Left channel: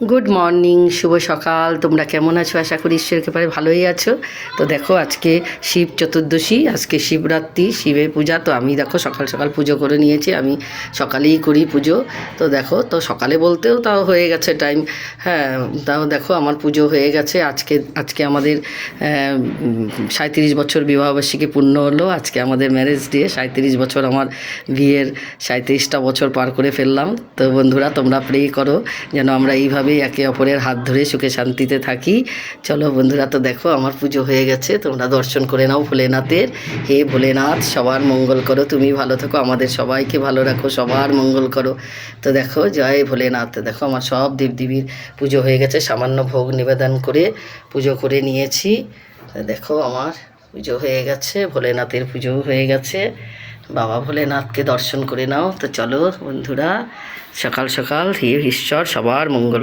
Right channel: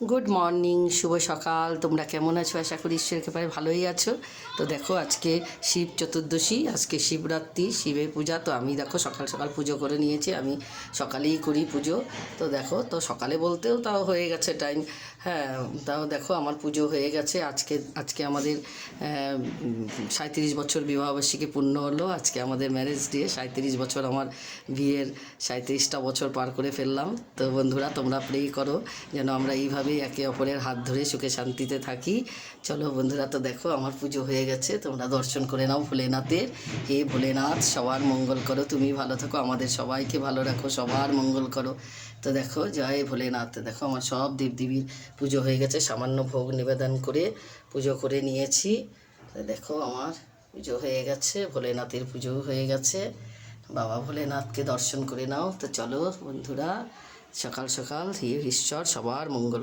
Good morning, শুভ সকাল। তোমরা কেমন আছো? আশা করি ঈশ্বরের কৃপায় ভালোই আছো। তো দেখো, আজকে শিব চতুর্দশী, আজকে শিবরাত্রি, শিবের পূজা। তো আমি দেখো সকাল সকাল পুজো করে নিয়েছি। আমি সকালেই করি পুজো। তো দেখো, তো সকালে বলতেও তাও হয়ে গেছে টাইম। হ্যাঁ, তাও দেখো আমার পুজো হয়ে গেছে। আজকে আজকে আমাদের 37 বছর বিবাহবার্ষিকী পূর্ণ হলো। আজকে আমাদের ম্যারেজ ডে। 37 বছর, আমার বিয়ের 37টা বছর পার করে ফেললাম। তো বন্ধুরা, তোমরা প্রে করো যেন আমরা এইভাবেই একে অপরের হাত ধরে সুখে শান্তিতে থাকি। চলো বন্ধুরা, তো দেখো আমার পুজো হয়ে গেছে। তোমরা দর্শন করে নাও ভোলেনাথের। হে ভোলেনাথ, সবার মঙ্গল করো, তুমি ভালো থাকো, আমাদের সবাইকে ভালো রাখো, সবার মঙ্গল করো। তো দেখো, জয় ভোলেনাথ। দেখো আমার সব দেবদেবীর পুজো হয়ে গেছে। সামান্য ভোগ নিবেদন করে পুজো করে নিয়েছি। দেখো আমার পুজো হয়ে গেছে, ভোলেনাথের পুজোও হয়ে গেছে। বাবা ভোলেনাথকে দর্শন করে নাও। তো চলো বন্ধুরা, সকাল সকাল হে ঈশ্বর সবার মঙ্গল